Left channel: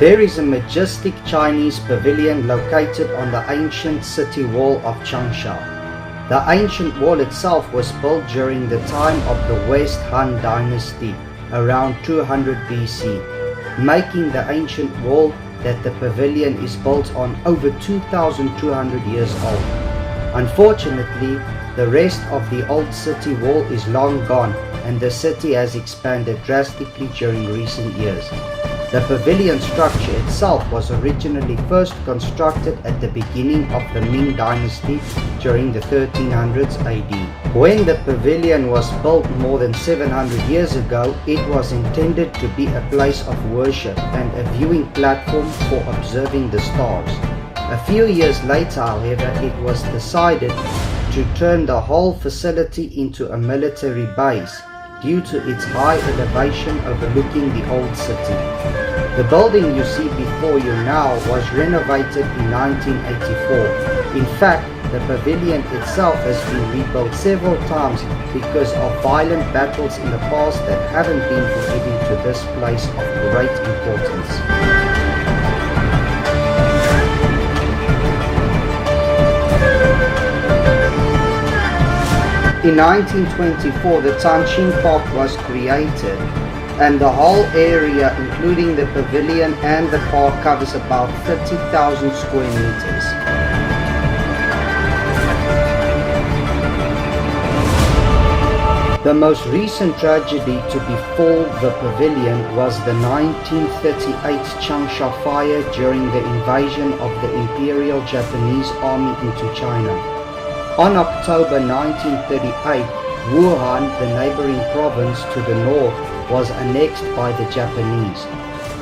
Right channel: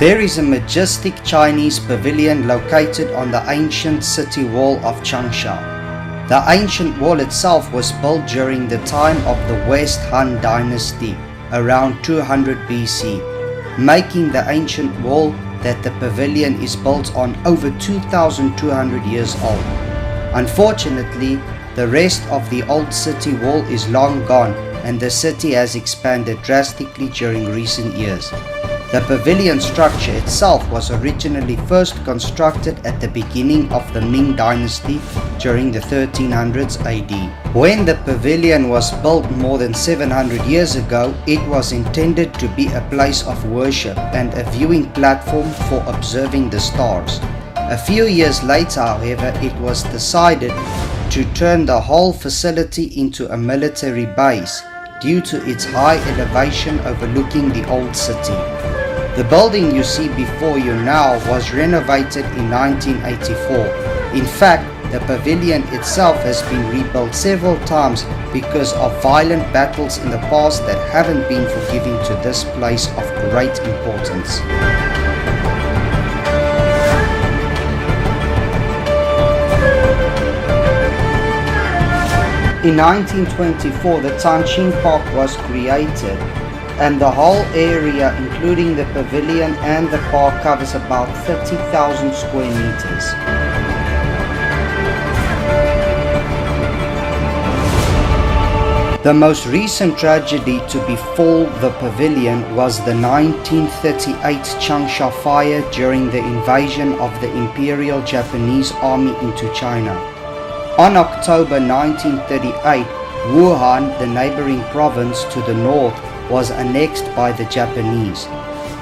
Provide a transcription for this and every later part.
There is a majestic Chinese pavilion located on the ancient city wall of Changsha. The ancient wall itself was built during the time of the West Han dynasty, around 200 BC, making the ancient wall that the pavilion is built on over 2,200 years old. Unfortunately, the rest of the old city wall is long gone, and the city has expanded drastically during recent years. The pavilion structure itself was originally first constructed at the beginning of the Ming dynasty during the 1300s AD. When the pavilion was built more than 700 years ago, it was intended to be a place of worship and a viewing platform for observing the stars. A few years later, however, it was decided to turn the whole facility into a military base due to its high elevation overlooking the old city. The building you see before you now was renovated in 1984. In fact, the pavilion itself has been rebuilt several times because of violent battles in the past that haven't been forgiving to this place of great importance. In 1924, the Tianxing Park was created, and the whole area, including the pavilion and the park, covers about 30,000 square meters. The most recent tragedy to befall the pavilion was the 1938 Changsha fire during the invasion of the Imperial Japanese Army into China. On October 1938, Wuhan, the neighboring province to the north, was annexed by the Japanese.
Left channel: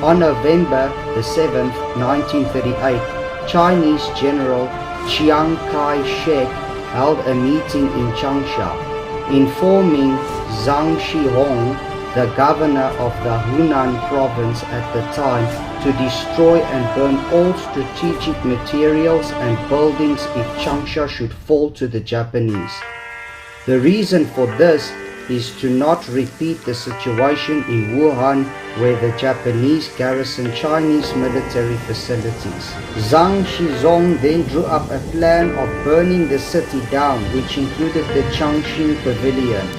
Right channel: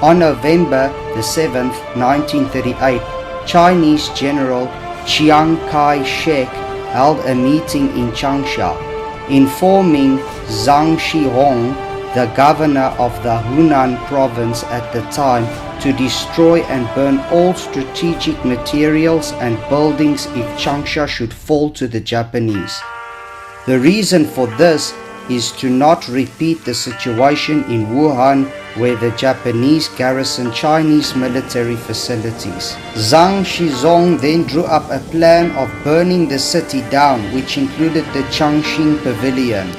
On November the 7th, 1938, Chinese General Chiang Kai-shek held a meeting in Changsha, informing Zhang Shihong, the governor of the Hunan province at the time, to destroy and burn all strategic materials and buildings if Changsha should fall to the Japanese. The reason for this is to not repeat the situation in Wuhan where the Japanese garrisoned Chinese military facilities. Zhang Shizong then drew up a plan of burning the city down, which included the Tianxing Pavilion.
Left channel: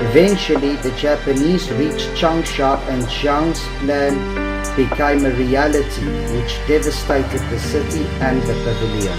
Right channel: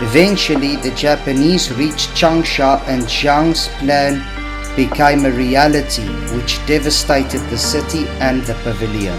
Eventually, the Japanese reached Changsha and Zhang's plan became a reality, which devastated the city and the pavilion.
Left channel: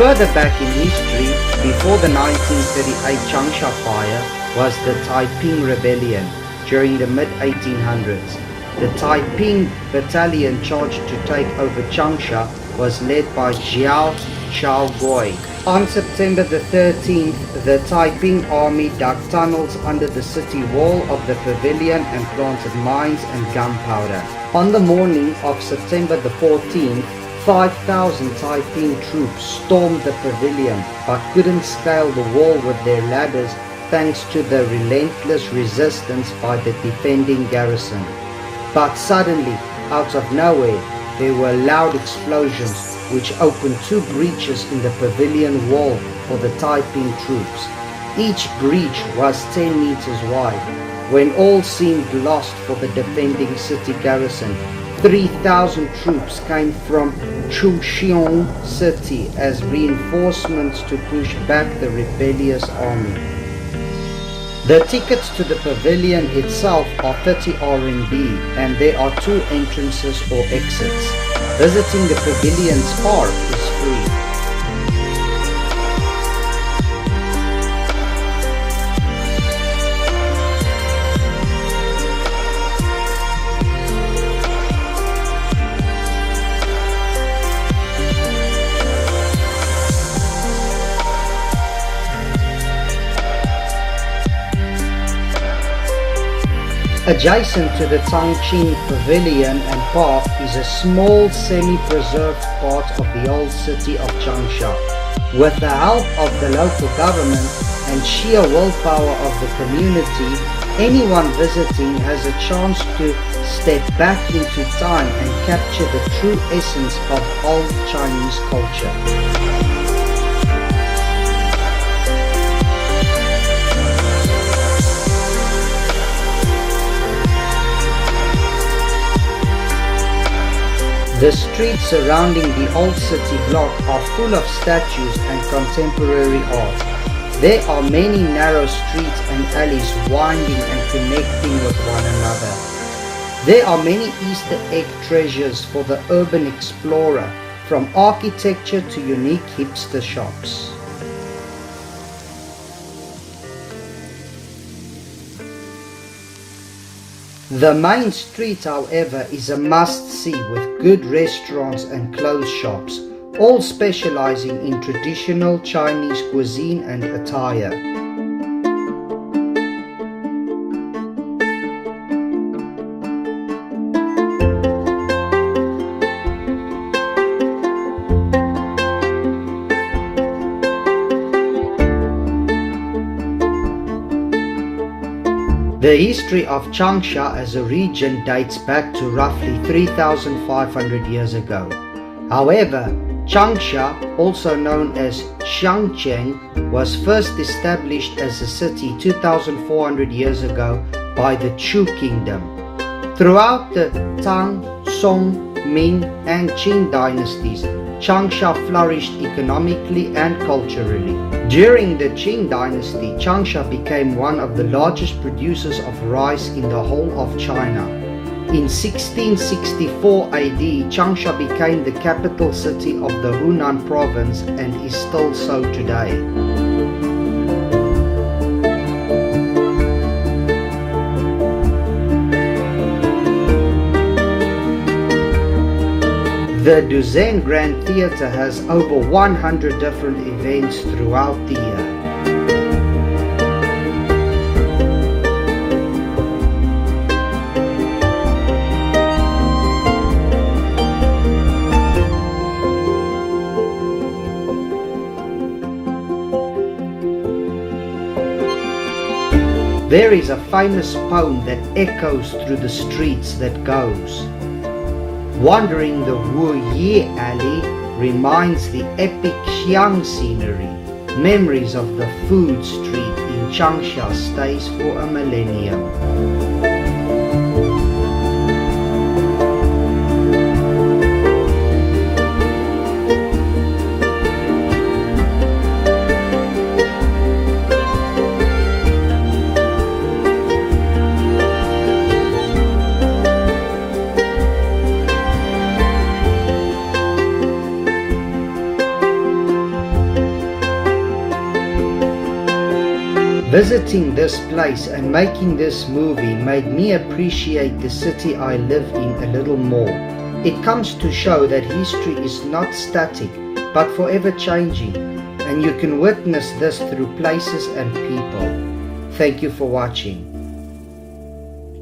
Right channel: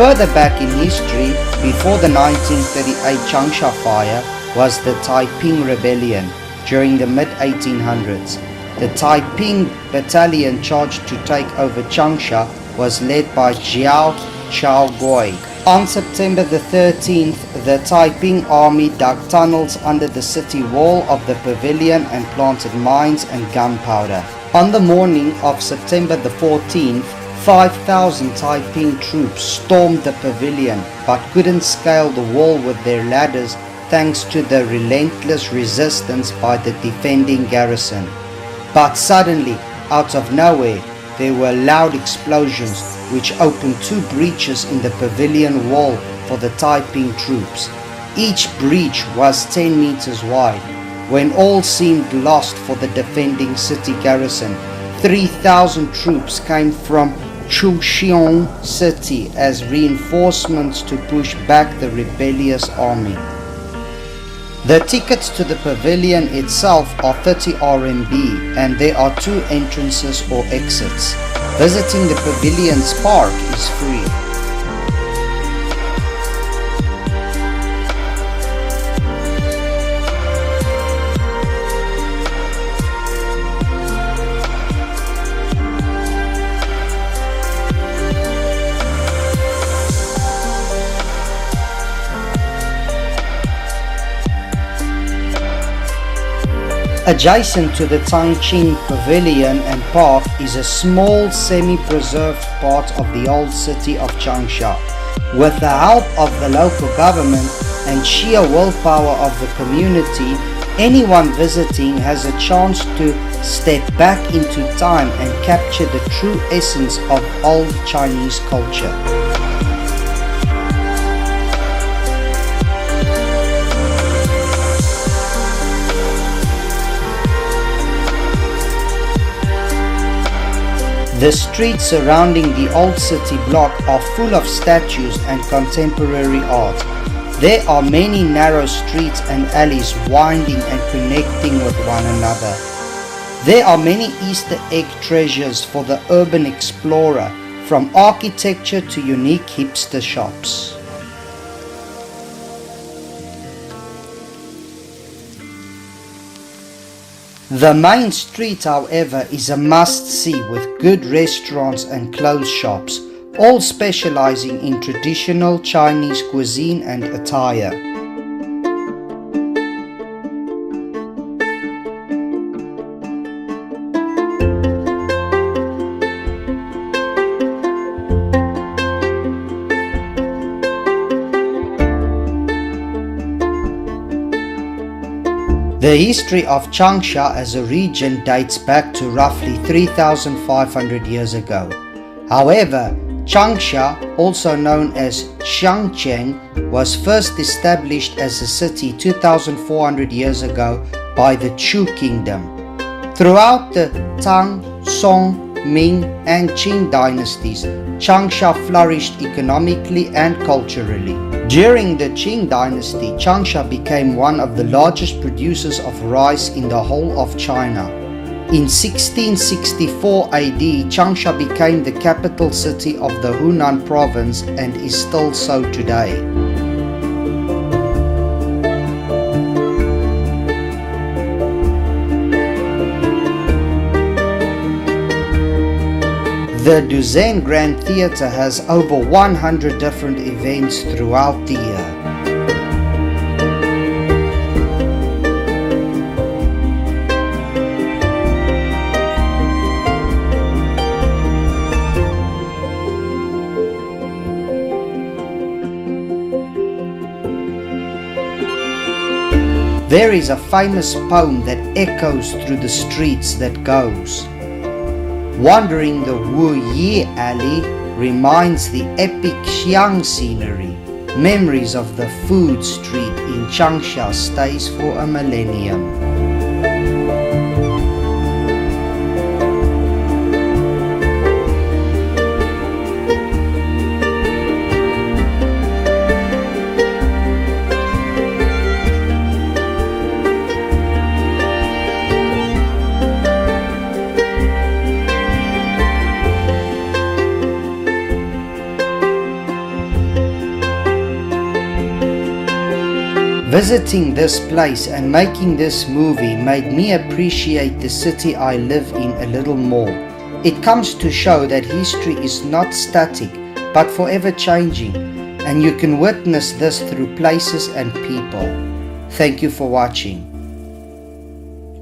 Further back in history, before the 1938 Changsha fire, was the Taiping Rebellion during the mid-1800s. The Taiping battalion charged to take over Changsha was led by Jiao Chaogui. On September the 13th, the Taiping army dug tunnels under the city wall of the pavilion and planted mines and gunpowder. On the morning of September the 14th, 5,000 Taiping troops stormed the pavilion but couldn't scale the wall with their ladders thanks to the relentless resistance by the defending garrison. But suddenly, out of nowhere, there were loud explosions which opened two breaches in the pavilion wall for the Taiping troops. Each breach was 10 meters wide. When all seemed lost for the defending city garrison, 3,000 troops came from Chuxiong city as reinforcements to push back the rebellious army. The tickets to the pavilion itself are 30 RMB and there are two entrances or exits. Visiting the pavilion's park is free. Adjacent to the Tianxing Pavilion and Park is a small semi-preserved part of the old city of Changsha. With the help of the local government and sheer willpower of the community, anyone visiting has a chance to step back into time and capture the true essence of old Chinese culture. The streets surrounding the old city block are full of statues and contemporary art. There are many narrow streets and alleys winding and connecting with one another. There are many Easter egg treasures for the urban explorer, from architecture to unique hipster shops. The main street, however, is a must-see with good restaurants and clothes shops, all specializing in traditional Chinese cuisine and attire. The history of Changsha as a region dates back to roughly 3,500 years ago. However, Changsha, also known as Tianxing, was first established as a city 2,400 years ago by the Chu Kingdom. Throughout the Tang, Song, Ming and Qing dynasties, Changsha flourished economically and culturally. During the Qing dynasty, Changsha became one of the largest producers of rice in the whole of China. In 1664 AD, Changsha became the capital city of the Hunan province and is still so today. The Duzen Grand Theatre has over 100 different events throughout the year. There is a famous poem that echoes through the streets that goes, "Wandering the Wu Yi Alley reminds the epic Xiang scenery. Memories of the food street in Changsha stays for a millennium." Visiting this place and making this movie made me appreciate the city I live in a little more. It comes to show that history is not static but forever changing, and you can witness this through places and people. Thank you for watching.